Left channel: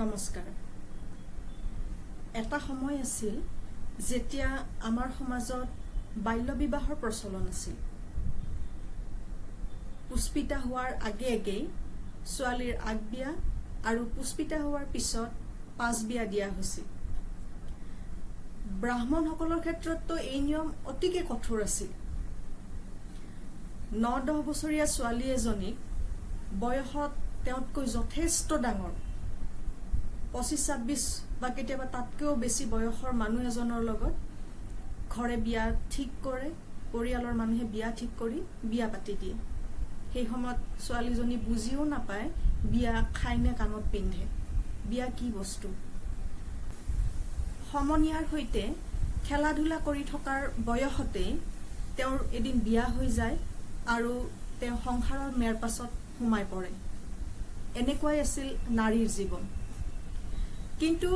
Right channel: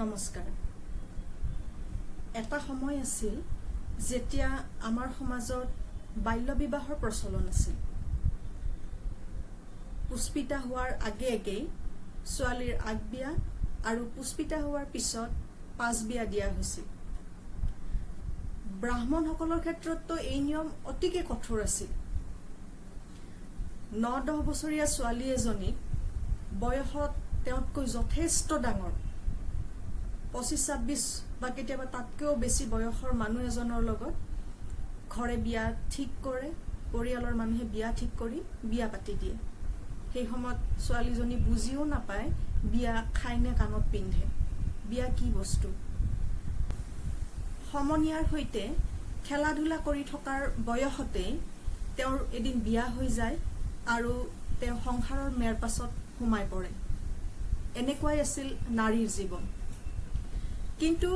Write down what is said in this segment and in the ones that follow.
নমস্কাৰ। এটা সময় আছিল যেতিয়া আমাৰ সমাজত বাল্য বিবাহৰ প্ৰচলন আছিল। পুষ্পিতা হোৱাৰ আগেয়ে ছোৱালীৰ আগবিয়া আৰু পুষ্পিতা হোৱাৰ পিছত পাছবিয়া দিয়া হৈছিল। ব্ৰাহ্মণসকলৰ ক্ষেত্ৰতো এই নিয়ম অতিকে কঠোৰ আছিল। 9-10 বছৰীয়া ছোৱালী এজনীক বয়সত তেওঁতকৈ যথেষ্ট ডাঙৰ 25-26 বা কেতিয়াবা তাতকৈও বেছি বয়সৰ মানুহ এজনৰ লগত ঘৰে বিয়া ঠিক কৰে, পৰিয়ালৰ মানুহে বিয়া ঠিক কৰি বিয়া পাতি দিয়ে। সেই সময়ত ছোৱালীজনী বুজিও নাপায় বিয়া খাই নে কাণত পিন্ধে, বিয়া কি বস্তু। সমনীয়াৰ সৈতে খেলা ধূলা কৰি থকাৰ বয়সতে তেওঁৰ এদিন বিয়া হৈ যায় আৰু তেওঁ সংসাৰৰ মেৰ পাছত সোমাই পৰে। এনেকুৱাই আছিল নাৰীৰ জীৱন। কিন্তু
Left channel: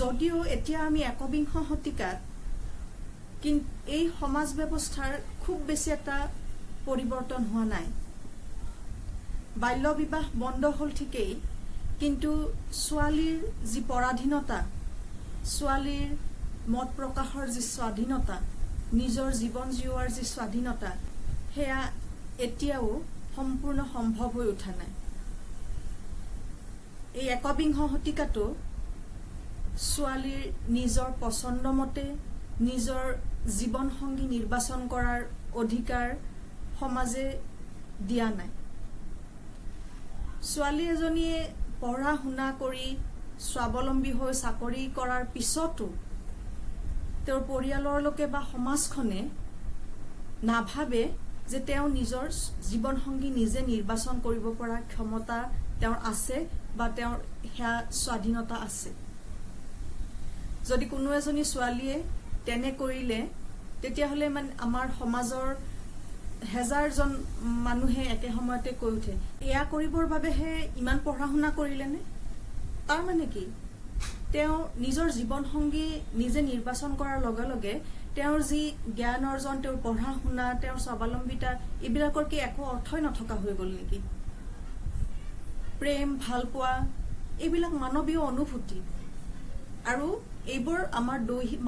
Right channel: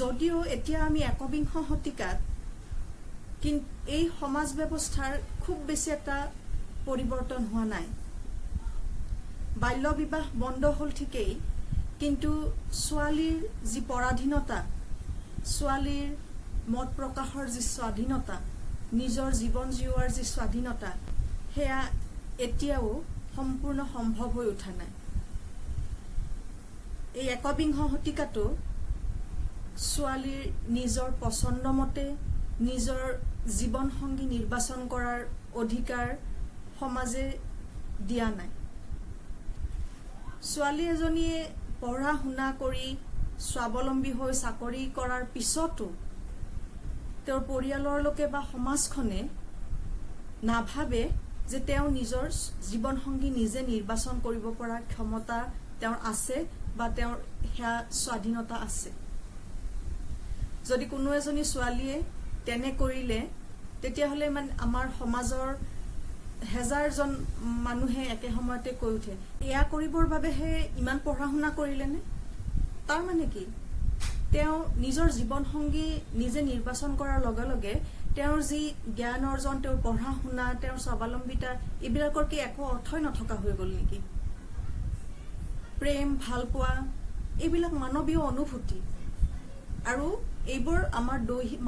যদিও এতিয়া আমি একবিংশ শতিকাত এই সমাজ ব্যৱস্থাৰ খুব বেছি এটা পৰিৱৰ্তন হোৱা নাই। বাল্য বিবাহ বন্ধ হল ঠিকেই, কিন্তু ছোৱালীৰ যি পৰাধীনতা, ছোৱালীৰ মত প্ৰকাশৰ যি স্বাধীনতা, নিজৰ জীৱন জীওৱাৰ যি স্বাধীনতা, সেয়া এতিয়াও সম্পূৰ্ণ সম্ভৱ হৈ উঠা নাই। এই একবিংশ শতিকাটো ছোৱালীৰ নিজৰ পছন্দ মতে নিজৰ জীৱন সংগী নিৰ্বাচন কৰাৰ অধিকাৰ সমাজে দিয়া নাই। ছোৱালী এজনীয়ে পঢ়া শুনা কৰি স্বাৱলম্বী হৈ চাকৰি কৰাৰ পিছতো তেওঁৰ পৰিয়ালৰ লোকে বা সমাজখনে নাভাবে যে তেওঁ নিজৰ জীৱন সংগী নিজে নিৰ্বাচন কৰিব পৰা ক্ষমতা তেওঁৰ আছে বা তেওঁৰ সেয়া স্বাধীনতা আছে। যদি কোনো এজনী ছোৱালীয়ে তেনে কৰিলে তেতিয়াহ'লে আমাৰ সমাজৰ হেজাৰজন মানুহে একে সময়তে কৈ উঠে, এয়া কৰিবৰ বাবেহে ইমান পঢ়া শুনা কৰিলেনে? তাৰ মানে কি? তেওঁ নিজৰ জীৱন সংগী নিজে নিৰ্বাচন কৰাৰ লগে লগে তেওঁৰ যি জ্ঞান অৰ্জন, তেওঁৰ পঢ়া শুনা, তেওঁৰ স্বাৱলম্বিতা, এইবিলাকৰ কি একো অৰ্থই নথকা হৈ গল নেকি? প্ৰেম, ভালপোৱা, এইবিলাক মানৱীয় অনুভূতি আৰু এইবোৰ আমাৰ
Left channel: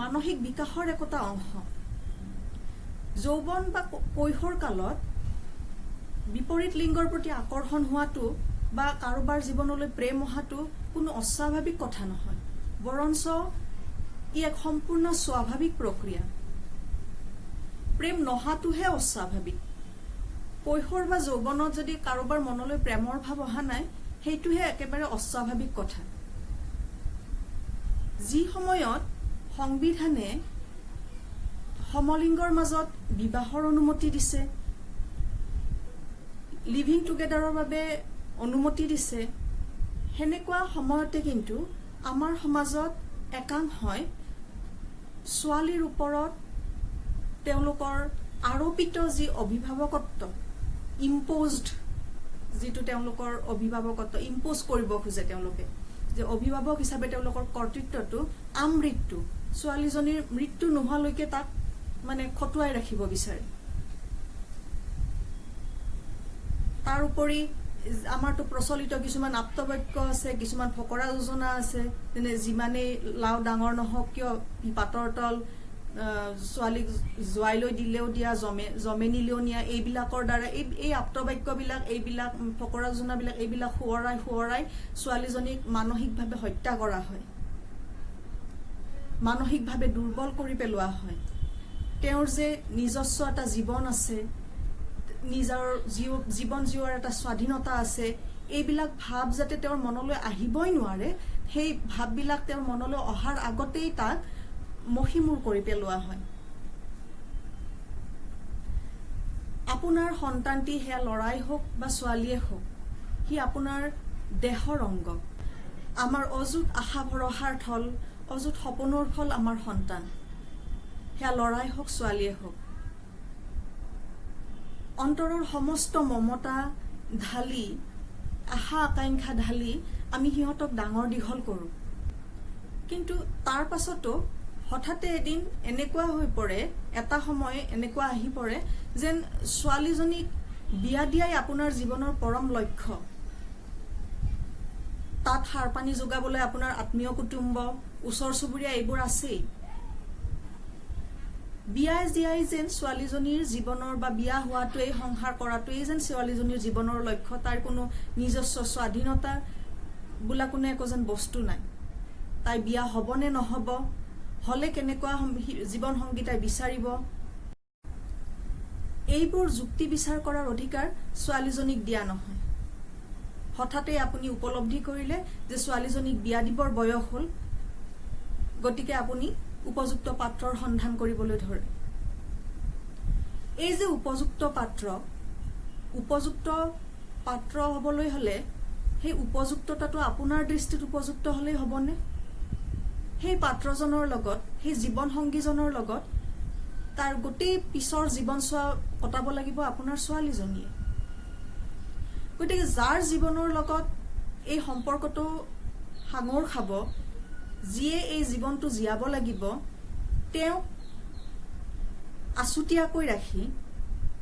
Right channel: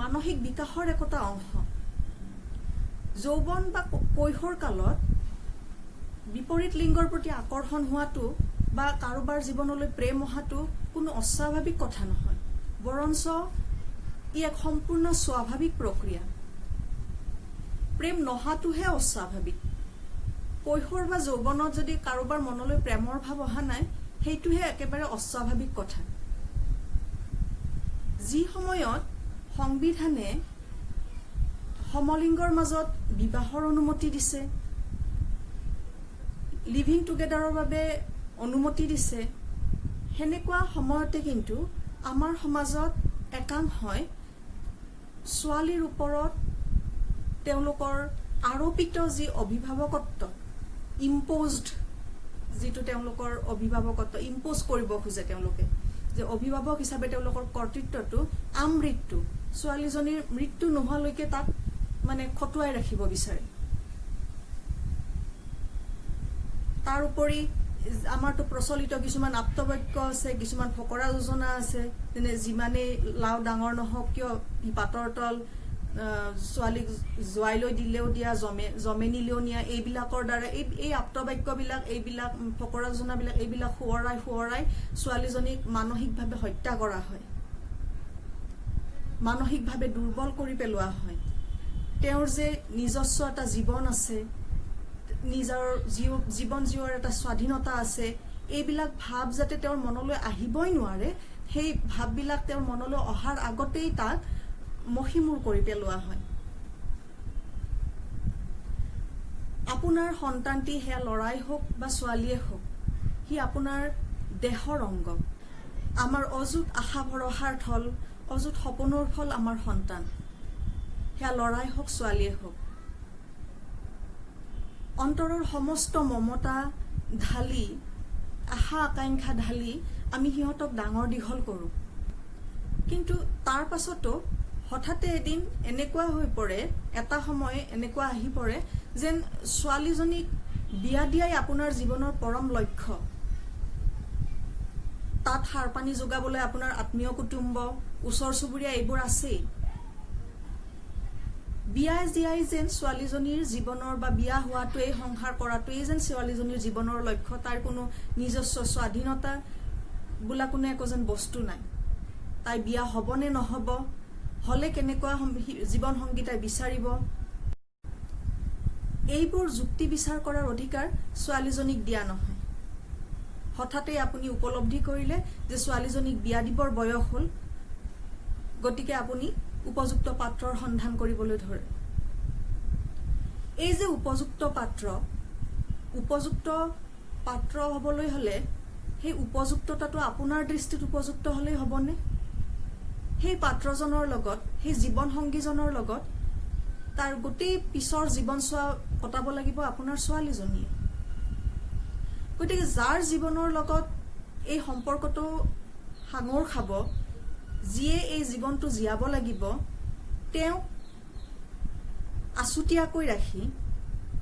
মানসিক বিকাশৰ একোটা অংশ। যৌৱন বা কৈশোৰ কালত বিপৰীত লিংগৰ প্ৰতি আকৰ্ষণ হোৱাটো বা কাৰোবাৰ জীৱনলৈ প্ৰেম অহাটো কোনো অস্বাভাৱিক কথা নহয়, বৰঞ্চ ই এক সম্পূৰ্ণ স্বাভাৱিক প্ৰক্ৰিয়া। প্ৰেম নহাটোহে অস্বাভাৱিক। কৈশোৰ বা যৌৱনত যদি কাৰোবাৰ মনলৈ প্ৰেমৰ ভাৱ অহা নাই, সেইটোহে একেবাৰে অস্বাভাৱিক কথা। যি সময়ত সংবিধানে সমলিংগৰ মাজত বিবাহৰ অনুমতি দিছে, লিভিং টুগেডাৰৰ বাবে অনুমতি দিছে, সেনেকুৱা সময়তে কিন্তু আমাৰ সমাজত একাংশই ছোৱালীৰ ওপৰত তেওঁলোকৰ আৰোপিত যি অভিভাৱকত্ব, ইম্প'জড যিটো তেওঁলোকৰ অভিভাৱকত্ব ইম্প'জ কৰিব খোজে, তেওঁলোকে যে অভিভাৱক হিচাপে তেওঁলোকৰ কৰ্তৃত্বটো আমৃত্যু, ছোৱালীজনীৰ মৃত্যু নোহোৱালৈকে তাক খটুৱাই ৰাখিব বিচাৰে। তাৰ উপৰি আমাৰতো প্ৰচলিত কিছুমান আপ্তবাক্য আছে, কিছুমান ফকৰা যোজনা আছে, যেনে যিমানেই লাও ডাঙৰ নহওক কিয় পাতৰ তল, ছোৱালীক জোৱাই লৈ দিলেও দিয়া, জমে নিলেও নিয়া, এইবিলাকৰ দ্বাৰা এই আপ্তবাক্যবিলাক, এইবিলাক ফকৰা যোজনাবিলাক, এইবিলাক সোঁৱৰাই ছোৱালীজনীক মানসিকভাৱে হত্যা কৰা হয়, মানসিকভাৱে দুৰ্বল কৰি পেলোৱা হয়। তেওঁৰ যে নিজস্ব এটা জীৱন আছে, নিজৰ জীৱন জীওৱাৰ এটা স্বাধীনতা আছে, এইবিলাক ভাৱ যাতে তেওঁৰ মনলৈ আহিবই নোৱাৰে, সেই ভাৱবিলাক তেওঁৰ মনলৈ অহাৰ আগতেই তাক মষিমূৰ কৰি পেলোৱা হয়। আপোনাৰ সন্তানটি সেয়া ল'ৰাই হওক বা ছোৱালীয়ে হওক, সি আপোনাৰ দেহৰ অংগ, আমাৰ অযুত আশা ভৰসাৰ থল, অযুত সপোনৰ ফল আমাৰ সন্তান, সেয়া ল'ৰাই হওক ছোৱালীয়ে হওক। অন্তৰৰ সমস্ত মমতা ঢালি, আশা আকাংক্ষা ঢালি আমি সিহঁতক ডাঙৰ দীঘল কৰোঁ। কিন্তু তাৰ পাছতো হঠাতে এদিন এনেকুৱা হৈ পৰে, এটা সময় এনেকুৱা আহি পৰে যেন ছোৱালীজনীক বিয়া দিয়াই আপোনাৰ জীৱনৰ পৰম লক্ষ্য। তাত সাৰ পানী যোগাবলৈ আপোনাৰ আত্মীয় কুটুম্ব ওচৰ চুবুৰীয়া এইবোৰ আছেই বিয়াই দিয়াই যেন ছোৱালীজনীৰ জীৱনৰ বা বিয়া হোৱাটোৱেই সংসাৰ কৰাটোৱেই যেন ছোৱালীজনীৰ জীৱনৰ লক্ষ্য তাৰ কোনো নিজস্ব স্বাধীনতা বোলা কোনো একো যেন বস্তু নাই তাই বিয়া হ'ব নে নহ'ব হলে কেনেকুৱা জীৱন সংগী তাই বিচাৰিব এইবোৰ যুক্তি বিচাৰ কৰাৰ অধিকাৰ ছোৱালীজনীক দিয়া নহয় হঠাতে আপুনি উপলব্ধি কৰিলে যে ছোৱালীজনীক বিয়া দিবৰ বয়স হ'ল গতিকে আপুনি উপযুক্ত পাত্ৰৰ সন্ধান কৰিবলৈ ধৰে এই যে উপযুক্ত পাত্ৰ হ'বলৈ হলে সেই উপযুক্ততাটো আপোনাৰ দৃষ্টিত উপযুক্ত হলেই হ'বনে সেই পাত্ৰজনৰ লগত সেই জীৱন সংগীজনৰ লগত তাৰ গোটেই পিছৰ জীৱন চোৱা কটাব লাগিব আপোনাৰ ছোৱালীজনীয়ে গতিকে যাৰ জীৱনৰ লগত এই সম্পৰ্কটো সাঙুৰ খাব যিয়ে এই জীৱনটো জীয়াব লাগিব তেওঁক আছুতীয়াকৈ ৰাখি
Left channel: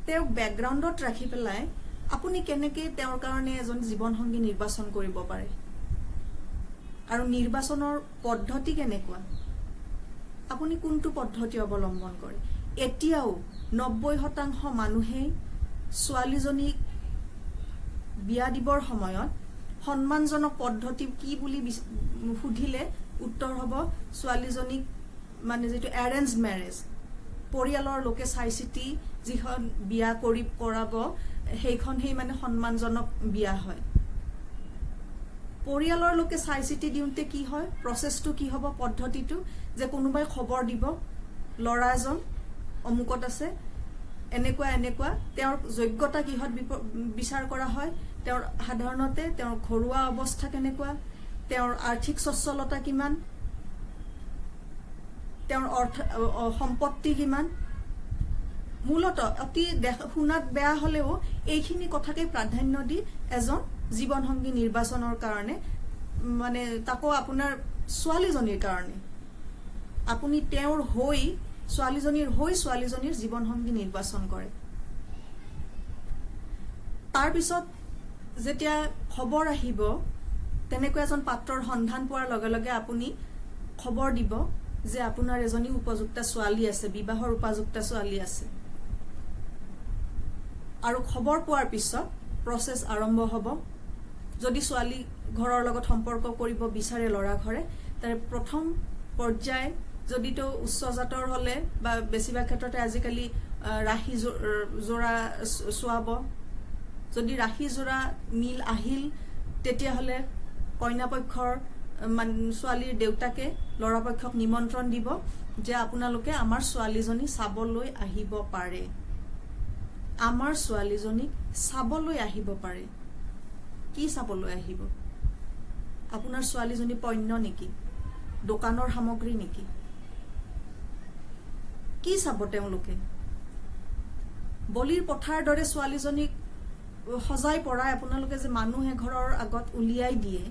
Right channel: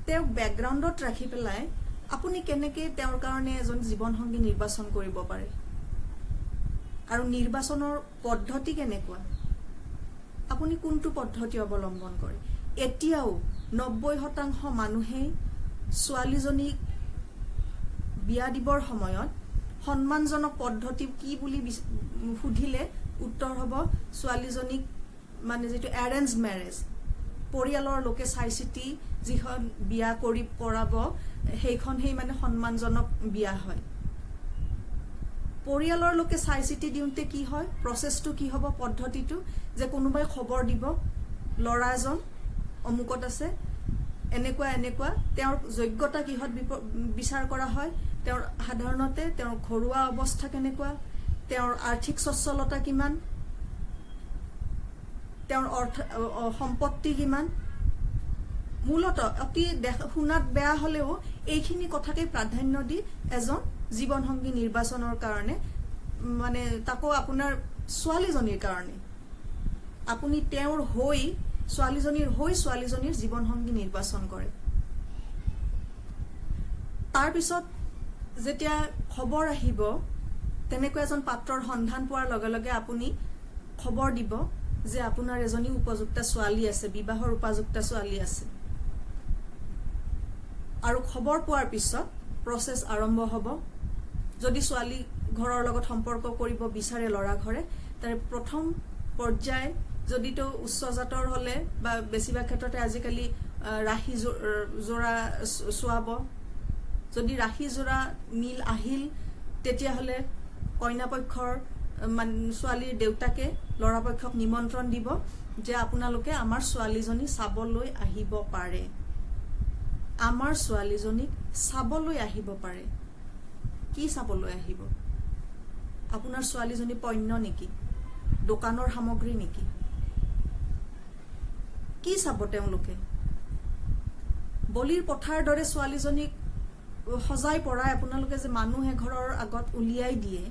তেওঁক বেকগ্ৰাউণ্ডত ৰাখি পেলাই আপুনি কেনেকৈ তেওঁৰ কাৰণে এজন জীৱন সংগী নিৰ্বাচন কৰিব পাৰে আৰু নিৰ্বাচনৰ পদ্ধতি কেনেকুৱা আপুনি কোনটো পদ্ধতি অৱলম্বন কৰে এতিয়াও 90% মানুহেই ছোৱালীজনীক বিয়া দিবৰ সময়ত সন্মানজনক পদ্ধতি কি বুলি সুধিলে উত্তৰ হ'ব ছোৱালীজনীক মানে যেটো এৰেঞ্জ ম্যাৰেজ পৰিয়ালৰ লোকে চাই চিতি যিখন বিয়া কৰি কৰাব সেইখন হেই মানে সন্মানজনক বিয়া হয় পৰিয়ালৰ লোকে চাই চিতি দিওঁতে কি হয় প্ৰসেসটো কি হ'ব পদ্ধতিটো যে কোনোবাই খবৰ দিব লৰা এজন অমুকত আছে এনেকুৱা তেওঁৰ যোগ্যতা কিহত বিচাৰ কৰা হয় তেওঁৰ সাধাৰণতে তেওঁৰ ঘৰুৱা অৱস্থা কেনেকুৱা তেওঁৰ আৰ্থিক সচ্ছলতা কিমান তেওঁৰ সম্পত্তি কিমান মূলত অতি শুনাত বেয়া হলেও এইখিনি কথাকে প্ৰাধান্য দি এজন জীৱন সংগী নিৰ্বাচনৰ কাৰণে মানে তাকো আপোনাৰ ছোৱালীজনীৰ কাৰণে আপুনি তেওঁৰ হৈ ছোৱালীজনীৰ জীৱন সংগী নিৰ্বাচন কৰে তাৰ পিছত যেতিয়া খবৰ আহিব তেনেকুৱা এজন পাত্ৰৰ সন্ধান পোৱাৰ লগে লগে আপুনি খবৰ দিব যে আপোনাৰ এজনী উপযুক্ত ছোৱালী আছে বিবাহৰ উপযুক্ত ছোৱালী আছে আৰু খবৰ পোৱাৰ পিছত প্ৰসেস আৰম্ভ হ'ব যদি ছোৱালী ঘৰৰ লগত সম্পৰ্ক কৰিব বিচাৰে লৰা ঘৰে তাৰ প্ৰথম পৰ্যায় যদি তো উচ্চ জাতৰ হলে বা বেছিভাগ ক্ষেত্ৰতে আজিকালি ৰাখি জোৰা সোৱাব যদি ৰাখি জোৰা মিল আহিল তেতিয়া হলে কইনা পক্ষৰ ছোৱালীৰ দেউতাকে লৰা পক্ষক নিমন্ত্ৰণ দিব যে আপোনালোকে আমাৰ ছোৱালীজনী চাবলৈ আহিব পাৰে আমাৰ ছোৱালীজনীক চাবলৈ আহিব পাৰে কি চাবলৈ আহিব আপোনাৰ ছোৱালীজনী পণ্য নেকি দোকানৰ সামগ্ৰী নেকি কি চাব তেওঁলোকে বলিৰ পথাৰ দৰে ছোৱালীজনীক সজাই পৰাই আপোনালোকে যে মানুহে ঘৰৰ আগত উলিয়াই দিয়ে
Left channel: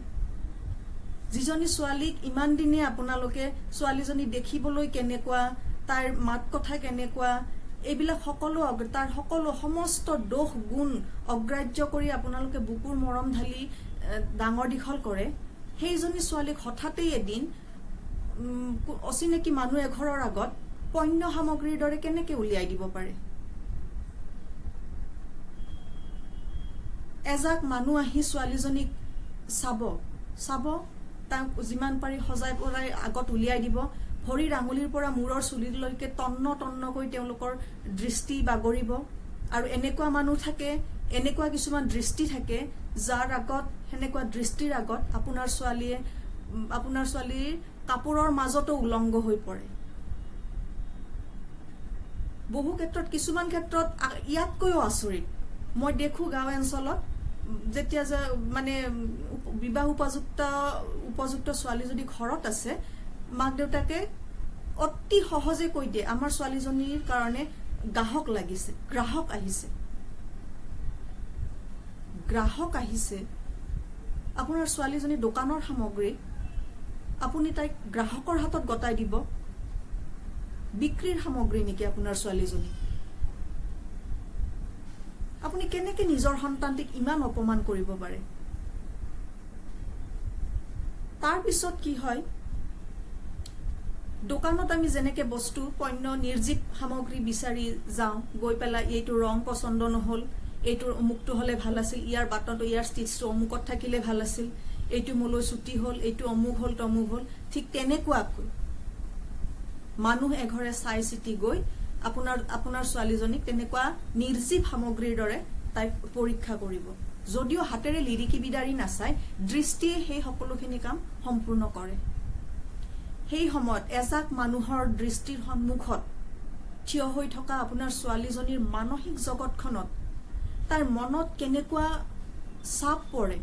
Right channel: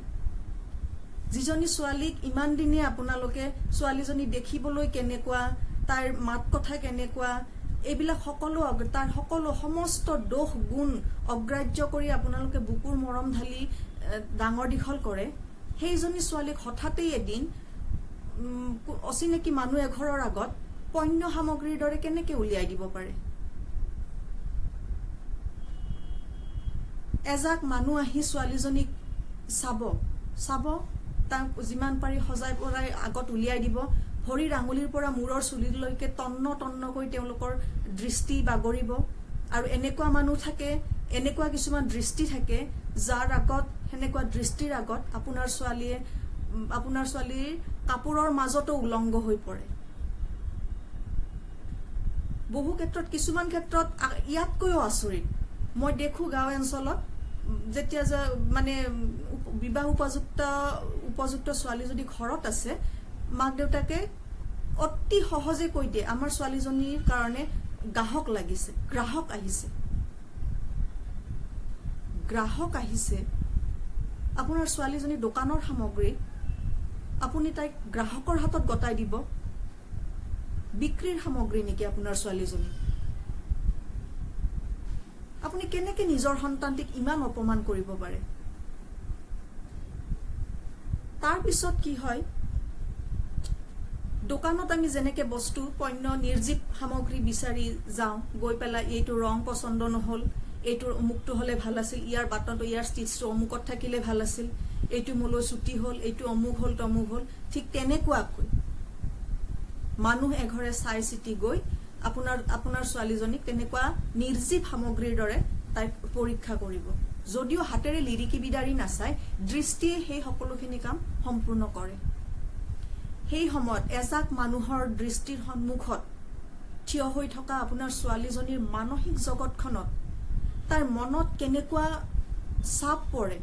যিজনী ছোৱালীক ইমান দিনে আপোনালোকে ছোৱালীজনী দেখিবলৈ কেনেকুৱা তাইৰ মাত কথা কেনেকুৱা এইবিলাক সকলো তাৰ সকলো সমস্ত দোষ গুণ অগ্ৰাহ্য কৰি আপোনালোকে বুকুৰ মৰম ঢালি ডাঙৰ দীঘল কৰে সেইজনী ছোৱালীক হঠাতে এদিন অচিনাকি মানুহ এঘৰৰ আগত পণ্য সামগ্ৰীৰ দৰে কেনেকৈ উলিয়াই দিব পাৰে এজাক মানুহ আহি ছোৱালীজনীক চাব তাক যিমান পাৰি সজাই পৰাই আগত উলিয়াই দিব ভৰিৰ আঙুলিৰ পৰা মূৰৰ চুলিলৈকে তন্নকৈ তেওঁলোকৰ দৃষ্টি বাগৰিব আৰু এনেকুৱা মানুহ থাকে এনেকুৱা কিছুমান দৃষ্টি থাকে যাৰ আগত হেনেকুৱা দৃষ্টিৰ আগত আপোনাৰ ছোৱালীৰ কাপোৰৰ মাজতো উলংগ হৈ পৰে বহু ক্ষেত্ৰত কিছুমান ক্ষেত্ৰত ইয়াতকৈও আচৰিত মই দেখো গাঁও অঞ্চলত যেতিয়া মানে বিবাহ উপযুক্ত ছোৱালী যদি ঘৰত আছে মাক দেউতাকে অতি সহজে কৈ দিয়ে আমাৰ ছোৱালীজনীৰ কাৰণে গ্ৰাহক আহিছে আপোনাৰ ছোৱালীজনী দোকানৰ সামগ্ৰী আপুনি তাইক গ্ৰাহকৰ হাতত গতাই দিব বিক্ৰীৰ সামগ্ৰী নেকি আপোনাৰ ছোৱালীজনী আপুনি কেনেকৈ নিজৰ সন্তানটিক ইমান অপমান কৰিব পাৰে তাৰ পিছত কি হয়, দোকানত আমি যেনেকে বস্তু পণ্য নিৰ্জীৱ সামগ্ৰী বিচাৰি যাওঁ, গৈ পেলাই এইটো ৰং পছন্দ নহল, এইটোৰ অমুকটো হলে ভাল আছিল, ইয়াৰ বাটনটো ইয়াৰ ষ্টিচটো অমুকত থাকিলে ভাল আছিল, এইটো মোলৈ ছুটি হল, এইটো অমুক হল তমুক হল, ঠিক তেনেকুৱাকৈ মানুহ এঘৰে চাই চিতি গৈ আপোনাৰ ছোৱালীজনীক তেনেকুৱা নিৰ্জীৱ সামগ্ৰীৰ দৰে তাইক পৰীক্ষা কৰিব। যদিও হাতেৰে লিৰিকি বিদাৰি নাচায়, দৃষ্টিয়ে সেই সকলোখিনি কাম সম্পূৰ্ণ কৰে। সেই সময়ত এজাক মানুহৰ দৃষ্টিৰ সন্মুখত থিয় হৈ থকা আপোনাৰ ছোৱালীজনীৰ মানসিক জগতখনত তাইৰ মনত কেনেকুৱা চাপ পৰে,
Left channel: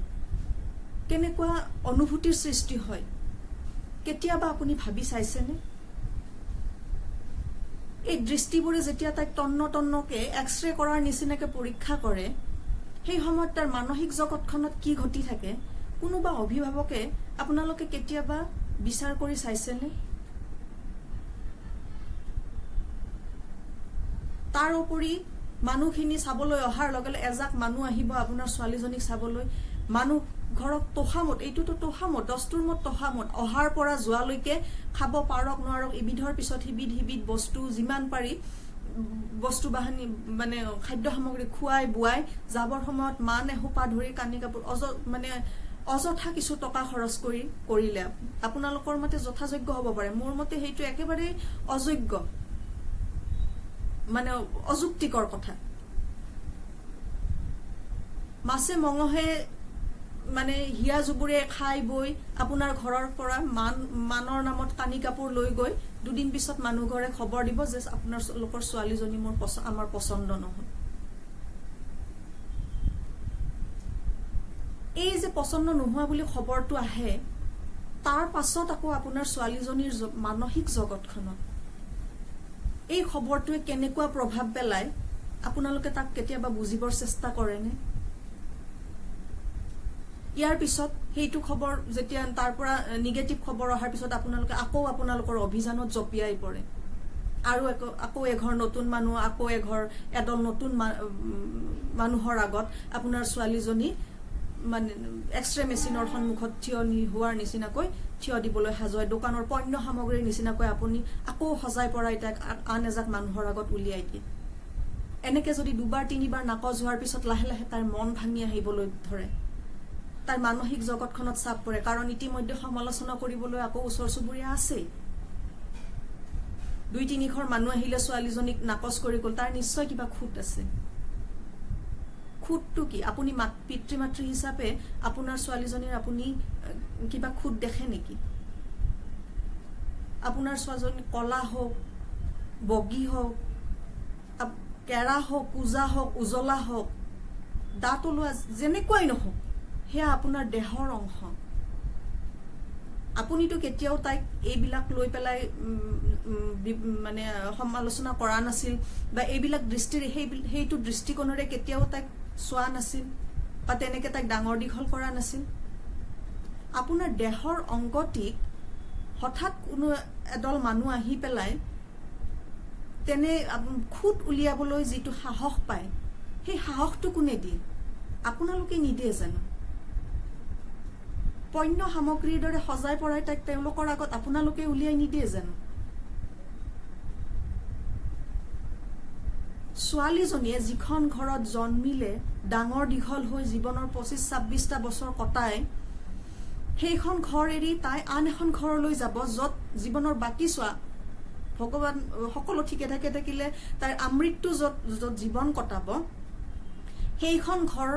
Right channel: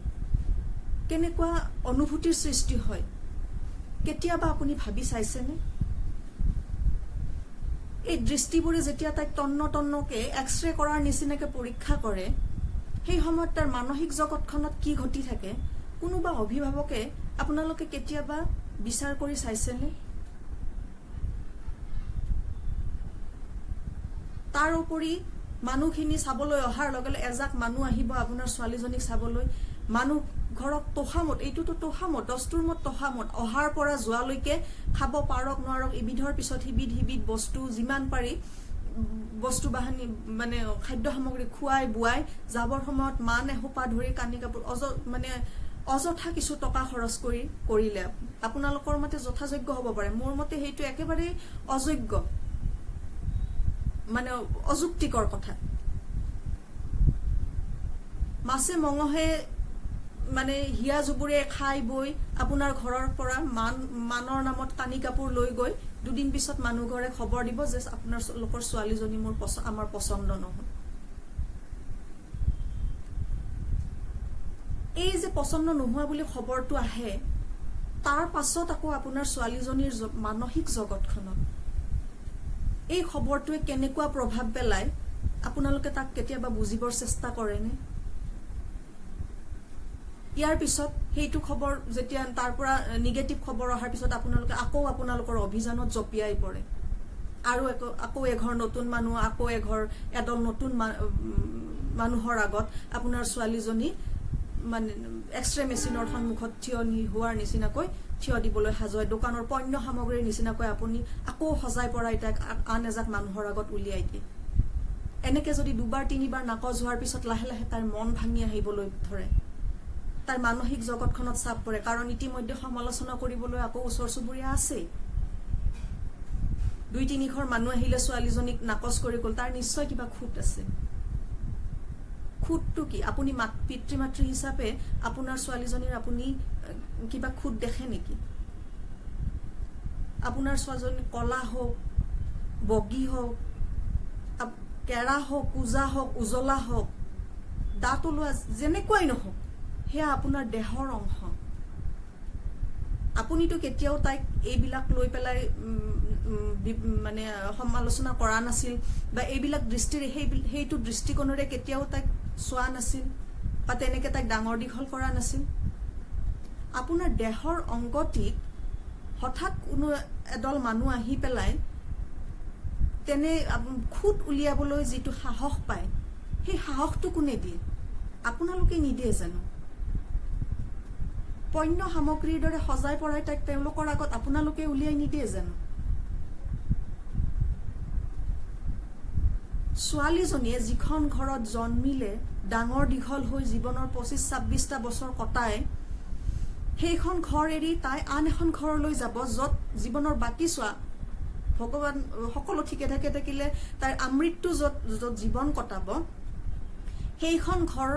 কেনেকুৱা অনুভূতিৰ সৃষ্টি হয়, কেতিয়াবা আপুনি ভাবি চাইছেনে? এই দৃষ্টিবোৰে যেতিয়া তাইক তন্নকে এক্সৰে কৰাৰ নিচিনাকে পৰীক্ষা কৰে, সেই সময়ত তাৰ মানসিক জগতখনত কি ঘটি থাকে, কোনোবা অভিভাৱকে আপোনালোকে কেতিয়াবা বিচাৰ কৰি চাইছেনে? তাৰ উপৰি মানুহখিনি চাবলৈ অহাৰ লগে লগে এজাক মানুহ আহিব আপোনাৰ ছোৱালীজনীক চাবলৈ, মানুহ ঘৰক তোষামত, এইটোতো তোষামত, দস্তুৰ মত তোষামত, অহাৰ পৰা যোৱালৈকে খাব পাৰক নোৱাৰক ইবিধৰ পিছত সিবিধ বস্তু যিমান পাৰি বস্তু বাহানি মানে খাদ্য সামগ্ৰী খুৱাই বুৱাই যাবৰ সময়ত মান এসোপা ধৰি কানি কাপোৰ অযথা কিছু টকা খৰচ কৰিলে আপোনালোকৰ মতে যথাযোগ্য হ'ব পাৰে, মোৰ মতে সেইটো একেবাৰে অযোগ্য, মানে অযুক্তিকৰ কথা। মাছে মঙহে মানে হিয়া জুবুৰে খাই বৈ আপোনাৰ ঘৰৰ পৰা মানৰ নামত কানি কাপোৰ লৈ গৈ দুদিন পিছত মানুহ ঘৰে খবৰ দিব যে আপোনালোকৰ ছোৱালীজনী আমাৰ পছন্দ নহয়। এই যে পছন্দ নোহোৱা বুলি খবৰটো আহে, তাৰ পাছত আকৌ আপোনাৰ ছোৱালীজনীৰ মানসিক জগতখনত এই খবৰটোৱে কেনেকুৱা প্ৰভাৱ পেলায় আপোনালোকে তাক কেতিয়াবা বুজিবৰ চেষ্টা কৰেনে? ইয়াৰ পিছত সেইটো খবৰ যেতিয়া তাৰ পৰা নিগেটিভ খবৰ অহাৰ পিছত আপোনালোকে আকৌ আপোনালোকৰ অভিযানত জপিয়াই পৰে, আৰু আকৌ এঘৰ নতুন মানুহ, আকৌ এদল নতুন মানুহৰ আগত আপোনাৰ ছোৱালীজনী মানে এক্সৰে মেচিনৰ সন্মুখত থিয় হোৱাৰ নিচিনাকৈ থিয় দিবলৈ সাজুৱাই, দোকানৰ পণ্য সামগ্ৰীৰ নিচিনাকৈ আপুনি আকৌ সজাই পৰাই তাক আন এজাক মানুহৰ আগত উলিয়াই দিয়ে। এনেকে যদি দুবাৰ তিনিবাৰ নাকচ হোৱাৰ পিছত লাহে লাহে তাইৰ মন ভাঙি আহিবলৈ ধৰে, তাইৰ মানসিক জগতখনত চাপ পৰে, কাৰণ ইতিমধ্যে সমালোচনা কৰিবলৈ আকৌ ওচৰ চুবুৰীয়া আছেই। দুই তিনিঘৰ মানুহ আহিলে ছোৱালীজনীক নাকচ কৰি গ'ল, তাৰ নিশ্চয় কিবা খুঁত আছে। খুঁতটো কি? আপুনি পিতৃ মাতৃ হিচাপে আপোনাৰ ছোৱালীজনীৰ আপুনি কিবা খুঁত দেখে নেকি? আপোনাৰ ছোৱালীজনী কলা হওক, বগী হওক, কেৰা হওক, কোজা হওক, উজলা হওক, দাঁত ওলোৱা যেনেকুৱাই নহওক, সেয়া আপোনাৰ দেহৰ অংশ। আপুনিতো কেতিয়াও তাইক এইবিলাক লৈ পেলাই মানে সমালোচনা কৰা নাছিল, বা এইবিলাক দৃষ্টিৰে সেইটো দৃষ্টিকোণেৰে কেতিয়াও তাইক চোৱা নাছিল, বা তেনেকে তাইক ডাঙৰ দীঘল কৰা নাছিল। আপোনাৰ দেহৰ অংগটিক হঠাৎ কোনো এদল মানুহ আহি পেলাই তেনে খুঁত উলিয়াবলৈ যিটো সাহস পায়, সেই সাহসটো কোনে দিয়ে? আপোনালোকে নিদিয়ে জানো? পণ্য সামগ্ৰীৰ দৰে সজাই পৰাই তাইক তেওঁলোকৰ আগত আপোনালোকে উলিয়াই নিদিয়ে জানো? ছোৱালীজনীয়ে যিখন ঘৰত জন্মিলে, ডাঙৰ দীঘল হৈ জীৱনৰ 25-26টা বছৰ কটাই, সেইখন ঘৰ এৰি তাই আন এখন ঘৰলৈ যাব, য'ত জীৱনৰ বাকী ভগৱান সকলো ঠিকে থাকে থাকিলে তাইৰ আমৃত্যু য'ত জীৱন কটাব, সেইখন ঘৰ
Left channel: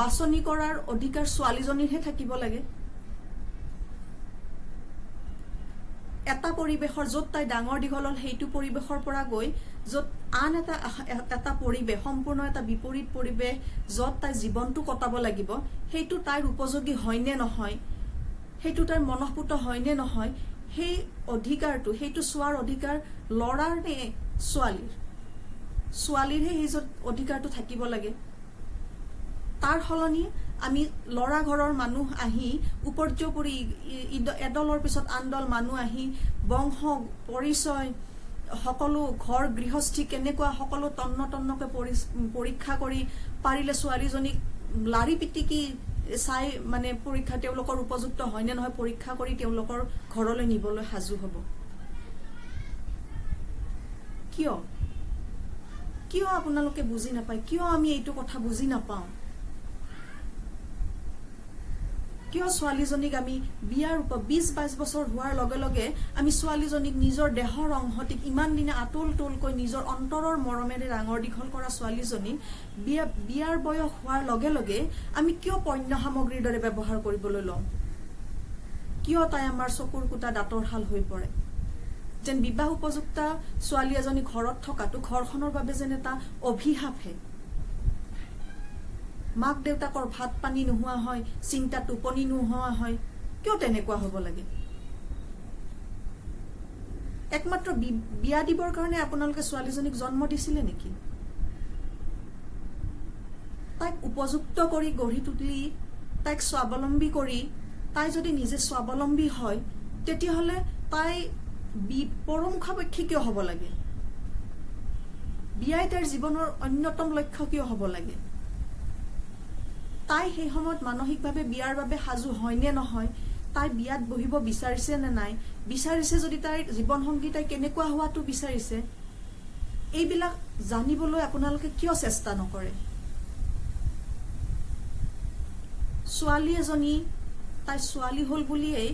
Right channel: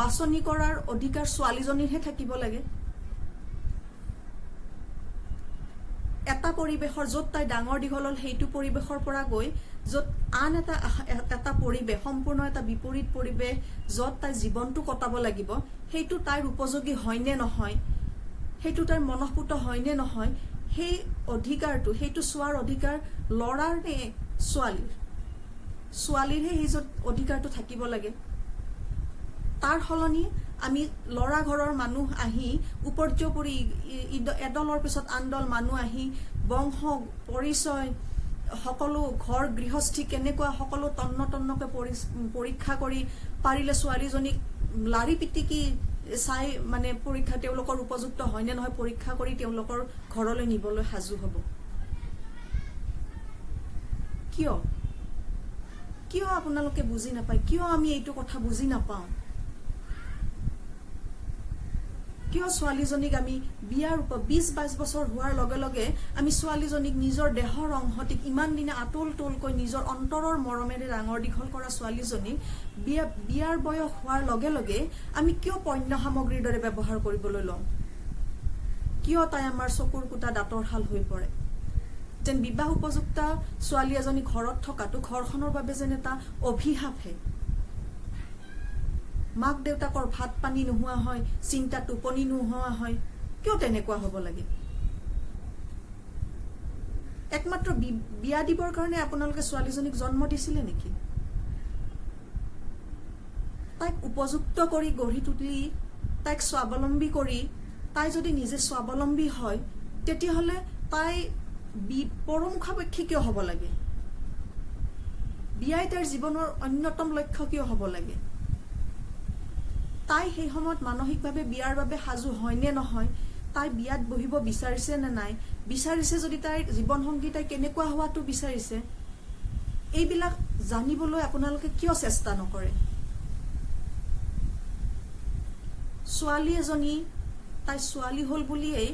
বাছনি কৰাৰ অধিকাৰ ছোৱালীজনীৰহে থাকিব লাগে। এটা পৰিৱেশৰ য'ত তাই ডাঙৰ দীঘল হ'ল, সেইটো পৰিৱেশৰ পৰা গৈ য'ত আন এটা পৰিৱেশ, সম্পূৰ্ণ এটা বিপৰীত পৰিৱেশ, য'ত তাই জীৱনটো কটাব লাগিব, সেইটো তাইৰ উপযোগী হয়নে নহয়, সেইটো তাইৰ মনঃপুত হয়নে নহয়, সেই অধিকাৰটো, সেইটো চোৱাৰ অধিকাৰ ল'ৰাৰ নে ছোৱালীৰ? ছোৱালীৰহে সেই অধিকাৰটো থাকিব লাগে। তাৰ সলনি আমি ল'ৰা ঘৰৰ মানুহ আহি উপৰ্যুপৰি এদলৰ পিছত আনদল মানুহ আহি বংশ পৰিচয় সকলো ঘৰ গৃহস্থী কেনেকুৱা সকলো তন্নকে পৰীক্ষা কৰি পাৰিলে ছোৱালীজনীক লাৰি পিটিকি চাই মানে পৰীক্ষা তেওঁলোকৰ উপযুক্ত হয় নে নহয় পৰীক্ষা কৰি তেওঁলোকৰ ঘৰলৈ নিবলৈ সাজু হ'ব। কিয় কিয় আপোনালোকে বুজি নাপায়? কিয় আমি এইটো কথা বুজি নাপাওঁ? কিয় ছোৱালীজনীক আমি বিয়াৰ 20-22 বছৰ হোৱাৰ লগে লগে আমি ছোৱালীজনীক নিজৰ দেহৰ অংশটিক ইমান দিনে আতল তোলকৈ নিজৰ অন্তৰৰ মৰমেৰে ডাঙৰ দীঘল কৰা ছোৱালীজনীক বিয়াৰ বয়স হোৱাৰ লগে লগে আমি কিয় পণ্য সামগ্ৰীৰ দৰে ব্যৱহাৰ কৰিবলৈ লওঁ? কিয় তাই আমাৰ চকুৰ কুটা দাঁতৰ শাল হৈ পৰে? যেন বিবাহ উপযুক্ত ছোৱালী এজনী ঘৰত থকাটো ঘৰখনৰ বাবে যেন এটা অভিশাপহে। মাক দেউতাকৰ ভাত পানী নোহোৱা হয়, চিন্তা টোপনি নোহোৱা হয়। কিয় তেনেকুৱা হ'ব লাগে? একমাত্ৰ বিয়া দিবৰ কাৰণে আপোনালোকে ছোৱালীজনীক জন্ম দিছিলে নেকি? তাইক উপযুক্ত কৰি গঢ়ি তুলি তাইক স্বাৱলম্বী কৰি তাই যদি নিজে স্বাৱলম্বী হয় তেতিয়াহ'লে তাই পৰমুখাপেক্ষী কিয় হ'ব লাগে? বিয়াই তাইৰ জীৱনৰ অন্যতম লক্ষ্য কিয় হ'ব লাগে? তাই সেই সময়ত মানসিকভাৱে বিয়াৰ বাবে সাজু হয় নে নহয়, তাই বিয়াত বহিব বিচাৰিছে নে নাই, বিচাৰিছে যদি তাইৰ জীৱন সংগী তাই কেনেকুৱা হোৱাটো বিচাৰিছে, এইবিলাক জানিবলৈ আপোনালোকে কিয় চেষ্টা নকৰে? ছোৱালী এজনী তাই ছোৱালী হ'ল বুলিয়েই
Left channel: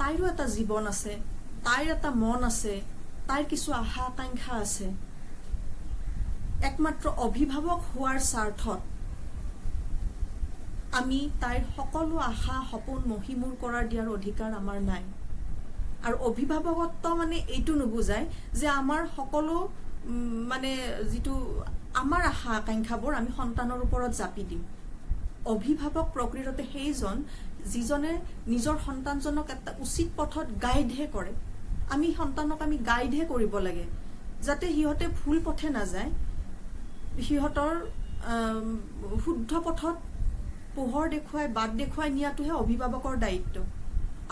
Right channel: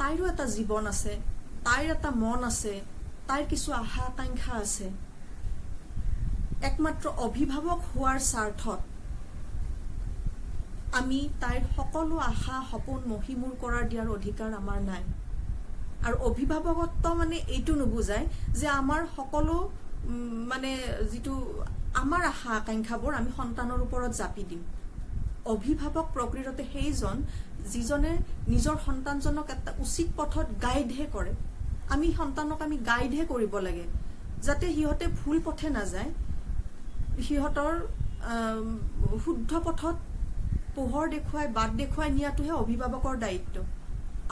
তাইৰো এটা জীৱন আছে, তাইৰ এটা মন আছে, তাইৰ কিছু আশা আকাংক্ষা আছে। একমাত্ৰ অভিভাৱক হোৱাৰ স্বাৰ্থত আমি তাইৰ সকলো আশা সপোন মহিমূৰ কৰাৰ দিয়াৰ অধিকাৰ আমাৰ নাই। আৰু অভিভাৱকত্ব মানে এইটো নুবুজায় যে আমাৰ সকলো মানে যিটো আমাৰ আশা আকাংক্ষাবোৰ আমি সন্তানৰ ওপৰত জাপি দিম। অভিভাৱক প্ৰকৃততে সেইজন যিজনে নিজৰ সন্তানজনক এটা উচিত পথত গাইডহে কৰে। আমি সন্তানক আমি গাইডহে কৰিব লাগে যাতে সিহঁতে ভুল পথে নাযায়, সিহঁতৰ শুদ্ধ পথত পোহৰ দেখুৱাই বাট দেখুৱাই নিয়াটোহে অভিভাৱকৰ দায়িত্ব।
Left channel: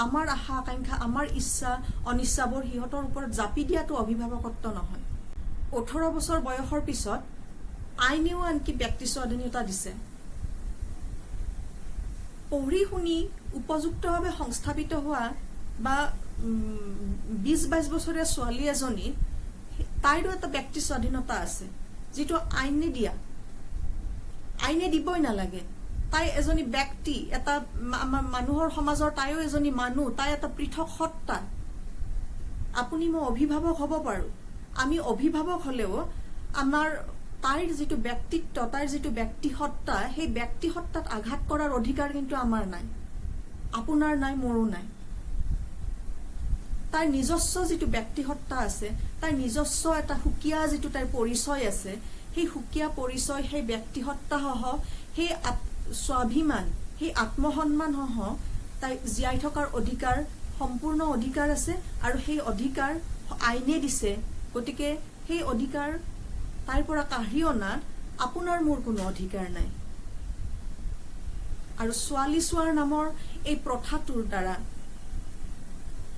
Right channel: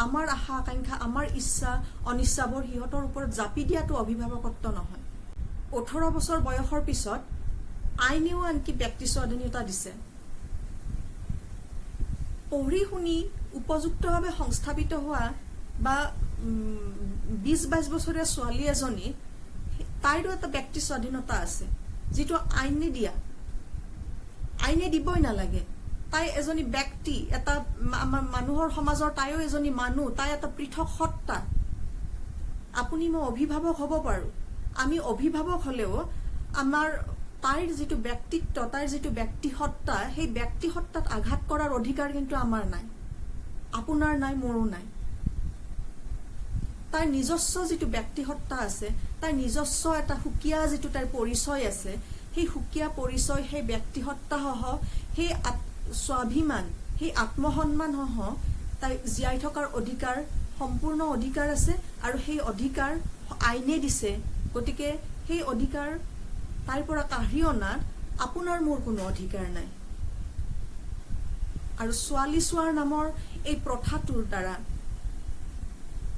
আমাৰ আশা আকাংক্ষা আমাৰ ইচ্ছা অনিচ্ছাবোৰ সিহঁতৰ ওপৰত জাপি দিয়াটো অভিভাৱকত্ব নহয়। 18 বছৰ বয়সৰ পিছত আইনেও আনকি ব্যক্তি স্বাধীনতা দিছে। পঢ়ি শুনি উপযুক্তভাৱে সংস্থাপিত হোৱা বা 20-22 বছৰীয়া ছোৱালী এজনী তাইৰো এটা ব্যক্তি স্বাধীনতা আছে যিটো আইনে দিবই নালাগে। তাই এজনী ব্যক্তি, এটা মানুহৰ সমাজৰ তাইও এজনী মানুহ, তাই এটা পৃথক সত্তা। আপুনি মই অভিভাৱক হ'ব পাৰো, আমি অভিভাৱক হলেও আমাৰ তাইৰ যিটো ব্যক্তিত্ব, তাইৰ যিটো ব্যক্তিসত্তা, সেই ব্যক্তিসত্তাত আঘাত কৰাৰ অধিকাৰ কিন্তু আমাৰ নাই, আপোনাৰ নাই, মোৰো নাই। তাইৰ নিজস্ব যিটো ব্যক্তিসত্তা আছে, তাইৰ নিজস্ব এটা সুকীয়া যিটো তাইৰ পৰিচয় আছে, সেই সুকীয়া পৰিচয়, সেই ব্যক্তিসত্তা সহ সেই স্বাভিমান, সেই আত্মসন্মান সহ তাই জীয়াই থকাৰ অধিকাৰ, সম্পূৰ্ণ অধিকাৰ আছে। আৰু সেই অধিকাৰ আইনে দিছে। গতিকে সেই অধিকাৰ তাইৰ পৰা কাঢ়ি অনাত আপোনাৰ মোৰ কোনো অধিকাৰ নাই। আৰু ছোৱালী চোৱাৰ নামৰ এই প্ৰথাটোৰ দ্বাৰা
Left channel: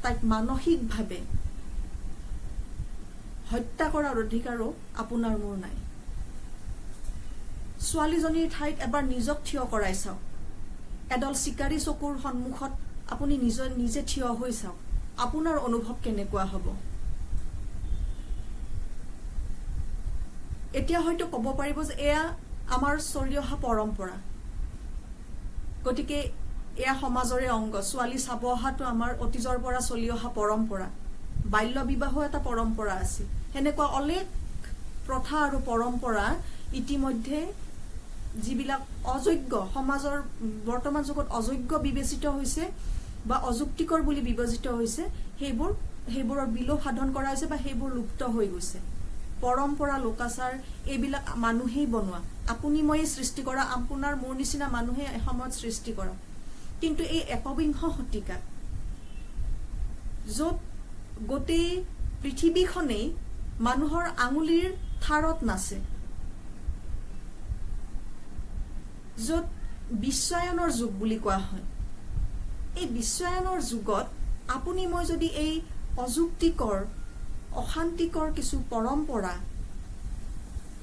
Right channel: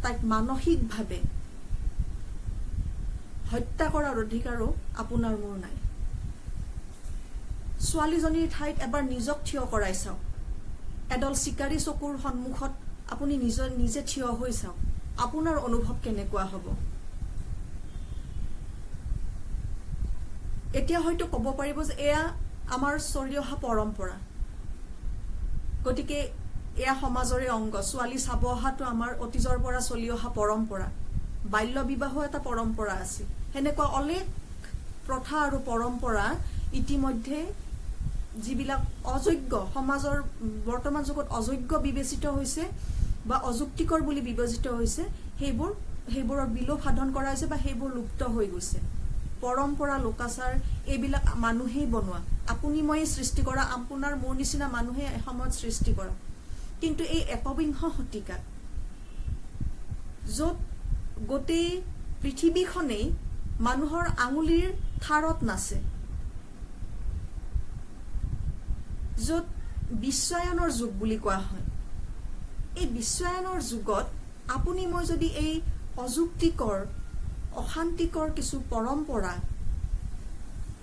তাইক মানসিকভাৱে হত্যা কৰাৰ অধিকাৰো আপোনাৰ মোৰ নাই। ছোৱালীজনীৰ ঠাইত এবাৰ নিজক থিয় কৰাই চাওক। এডাল চিকাৰী চকুৰ সন্মুখত আপুনি নিজে থিয় হৈ চাওক, আপোনাৰ অনুভৱ কেনেকুৱা হ'ব? এতিয়া হয়তো ক'ব পাৰিব যে এয়া আমাৰ চলি অহা পৰম্পৰা, গতিকে এয়া সমাজৰে অংগ। ছোৱালী চাব অহাটো আমাৰ অতীজৰ পৰা চলি অহা পৰম্পৰা। বাল্য বিবাহো এটা পৰম্পৰা আছিল। সেনেকুৱা অলেখ প্ৰথা আৰু পৰম্পৰা ইতিমধ্যে যিবিলাক অযোগ্য, সমাজৰ বৰ্তমান যুগত অযোগ্য বিবেচিত হৈছে বা অযুক্তিকৰ বুলি বিবেচিত হৈছে, সেইবোৰৰ বিলোপ সাধন কৰা হৈছে বা সেইবোৰ লুপ্ত হৈ গৈছে। পৰম্পৰা, লোকাচাৰ এইবিলাক মানুহেই বনোৱা, আপুনি মই সৃষ্টি কৰা, আপোনাৰ মোৰ নিচিনা মানুহে এসময়ত সৃষ্টি কৰা। কিন্তু এই একবিংশ শতিকাত য'ত গোটেই পৃথিৱীখনেই মানুহৰ আঙুলিৰ ঠাৰত নাচে, য'ত বিশ্বায়নৰ যুগ বুলি কোৱা হয়, এই বিশ্বায়নৰ যুগত আপুনি মই যদি এই অযুক্তিকৰ, অশান্তিকৰ কিছু পৰম্পৰা,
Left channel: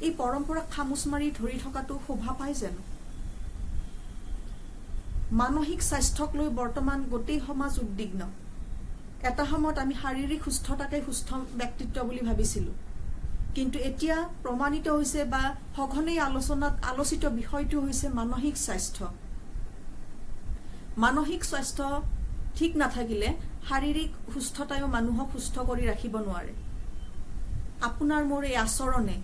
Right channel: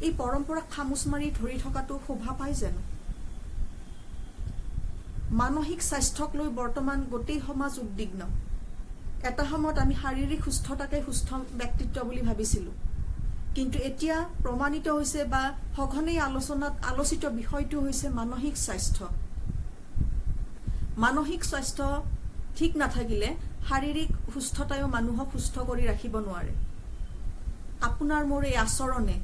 এই পৰম্পৰাক খামুচ মাৰি ধৰি থকাটো শোভা পায় জানো? মানসিক স্বাস্থ্যক লৈ বৰ্তমান গোটেই সমাজ উদ্বিগ্ন। এটা সময়ত আমি শাৰীৰিক সুস্থতাকে সুস্থ ব্যক্তিত্ব বুলি ভাবিছিলো, কিন্তু এতিয়া প্ৰমাণিত হৈছে বা সঘনেই আলোচিত বিষয়টো হৈছে মানসিক স্বাস্থ্য। মানসিক স্বাস্থ্য ঠিক নাথাকিলে শাৰীৰিক সুস্থতায়ো মানুহক সুস্থ কৰি ৰাখিব নোৱাৰে। আপোনাৰ মোৰ এই আচৰণে,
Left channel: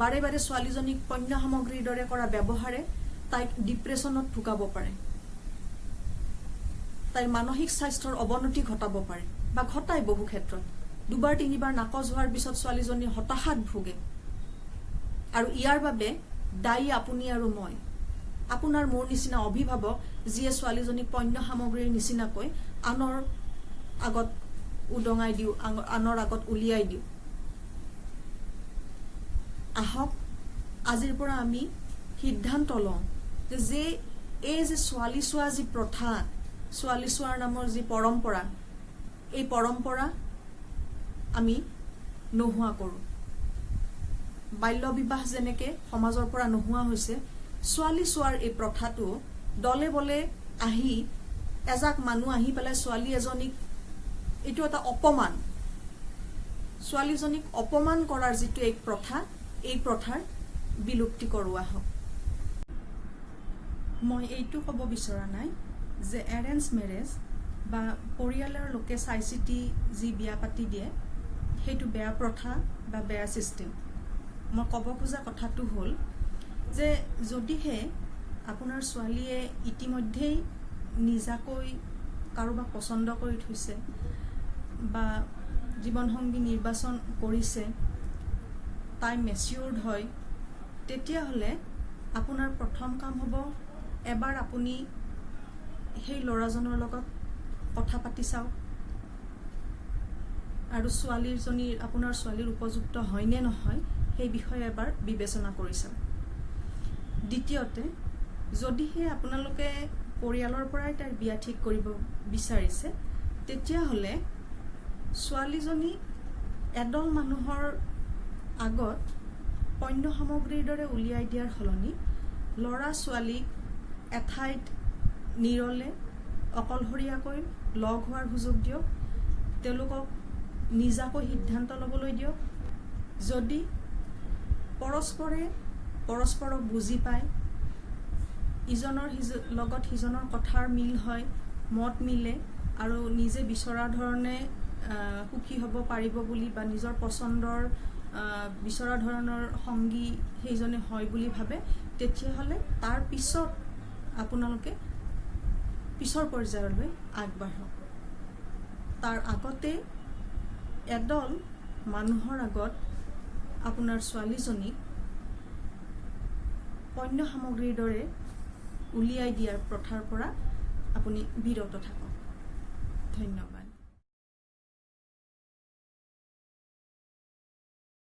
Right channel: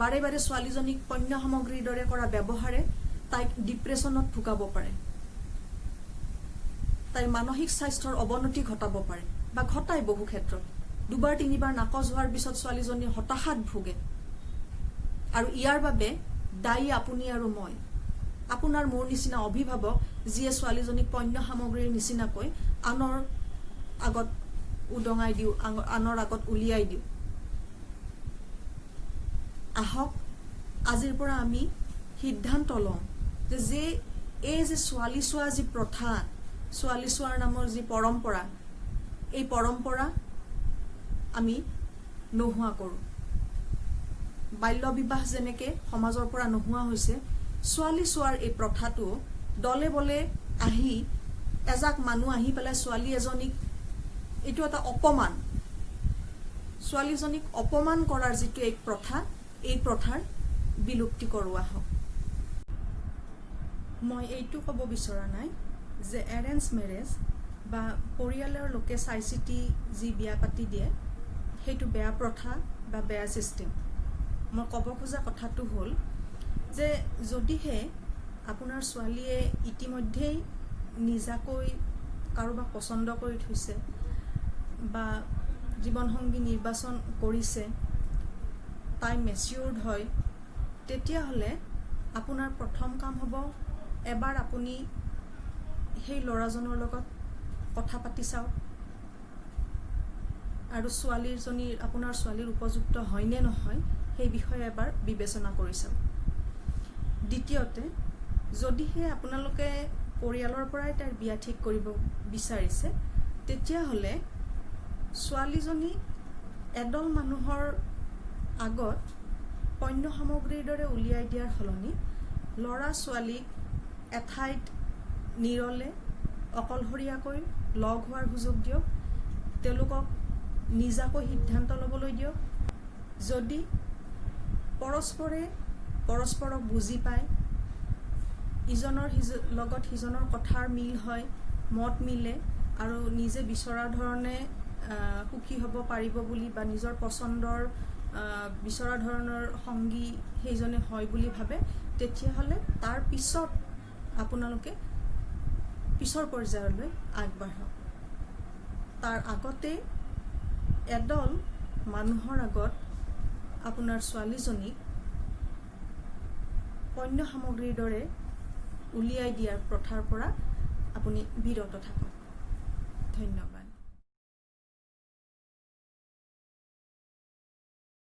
বাৰে বাৰে ছোৱালীজনীক পণ্য সামগ্ৰীৰ দৰে কৰা ব্যৱহাৰে তাইক ডিপ্ৰেছনত ভুগাব পাৰে, তাইৰ মানসিক স্বাস্থ্যৰ অৱনতি ঘটাব পাৰে বা ঘটায় বহু ক্ষেত্ৰত। 2-3বাৰ নাকচ হোৱাৰ পিছত ছোৱালীজনী হতাশাত ভোগে, আৰু ইয়াৰ বাবে দায়ী আপুনি আৰু মই, আপোনাৰ মোৰ নিচিনা অভিভাৱক, যিয়ে ছোৱালীজনীক পণ্য সামগ্ৰীৰ নিচিনাকৈ আনৰ আগত উদঙাই দিওঁ, আনৰ আগত উলিয়াই দিওঁ। আহক আজিৰ পৰা আমি সিদ্ধান্ত লওঁ যে এই যে ছোৱালী চোৱা যি প্ৰথা, ছোৱালী চোৱাৰ নামৰ যি পৰম্পৰা, এই পৰম্পৰা আমি নোহোৱা কৰোঁ। বাল্য বিবাহ যেনেকে সমাজৰ পৰা নোহোৱা হৈছে, ছোৱালী চোৱাৰ এই প্ৰথাটো দলে বলে আহি এজাক মানুহ আহি পেলাই ছোৱালী এজনীক, এইটো এটা অপমান, ছোৱালীজনীক অপমান কৰাৰ যিটো এক প্ৰথা, এই প্ৰথাৰ বিলুপ্তি কৰোৱা হওক। মই এইটো ক'ব বিচৰা নাই যে এৰেঞ্জ মেৰেজ বা পৰিয়ালৰ লোকে চাই চিতি যি বিয়া পাতি দিয়ে সেইটো বেয়া প্ৰথা বা বেয়া চিষ্টেম। মই ক'ব খোজা কথাটো হ'ল যে যদিহে আপোনাৰ ছোৱালীয়ে ইতিমধ্যেই নিজাকৈ কাৰোবাক পচন্দ কৰি থৈছে বা জীৱনসংগী নিৰ্বাচন কৰিছে, তাই মেচিউৰ্ড হয়, তেতিয়াহ'লে আপোনাৰ প্ৰথম কাম হ'ব এবাৰ আপুনি সেই ল'ৰাজনৰ লগত কথা পাতি চাওক আৰু আপোনাৰ ছোৱালীৰ উপযুক্ত হয় নে নহয় সেই বিষয়ে এবাৰ বিবেচনা কৰি চাওক। দ্বিতীয়তে, যদিহে আপোনালোকে পৰিয়ালৰ পৰাই তাইৰ বিয়া ঠিক কৰিব বিচাৰিছে, তেতিয়াহ'লে ছোৱালীজনী এদল মানুহৰ আগত পণ্য সামগ্ৰীৰ দৰে উলিয়াই দিয়াৰ সলনি ল'ৰা ছোৱালীক এঠাইত নিৰলে অকলশৰীয়াকৈ লগ হোৱাৰ সুযোগ দিয়ক, তেওঁলোকক নিজাকৈ সিদ্ধান্ত ল'বলৈ দিয়ক। যদি পৰস্পৰে পৰস্পৰক বুজি পায়, ইজনৰ লগত সিজনৰ কথাৰ মিল হয়, মত মিলে আৰু নিজে বিচৰা ধৰণে সুখী হ'ব পাৰিব বুলি বা নিজৰ পচন্দৰ বিচৰা ধৰণৰ সংগী সেইজনে হয় বুলি ভাবে, তেতিয়াহ'লে তাৰ পিছত আপোনালোকে পিছৰ পৰ্যায়লৈ আগবাঢ়ক। তাৰ আগতে এদল মানুহৰ আগত আপোনাৰ ছোৱালীজনীক পণ্য সামগ্ৰীৰ দৰে উলিয়াই দিয়াৰ প্ৰথাৰ পৰা আপুনি বিৰত থাকক। ধন্যবাদ।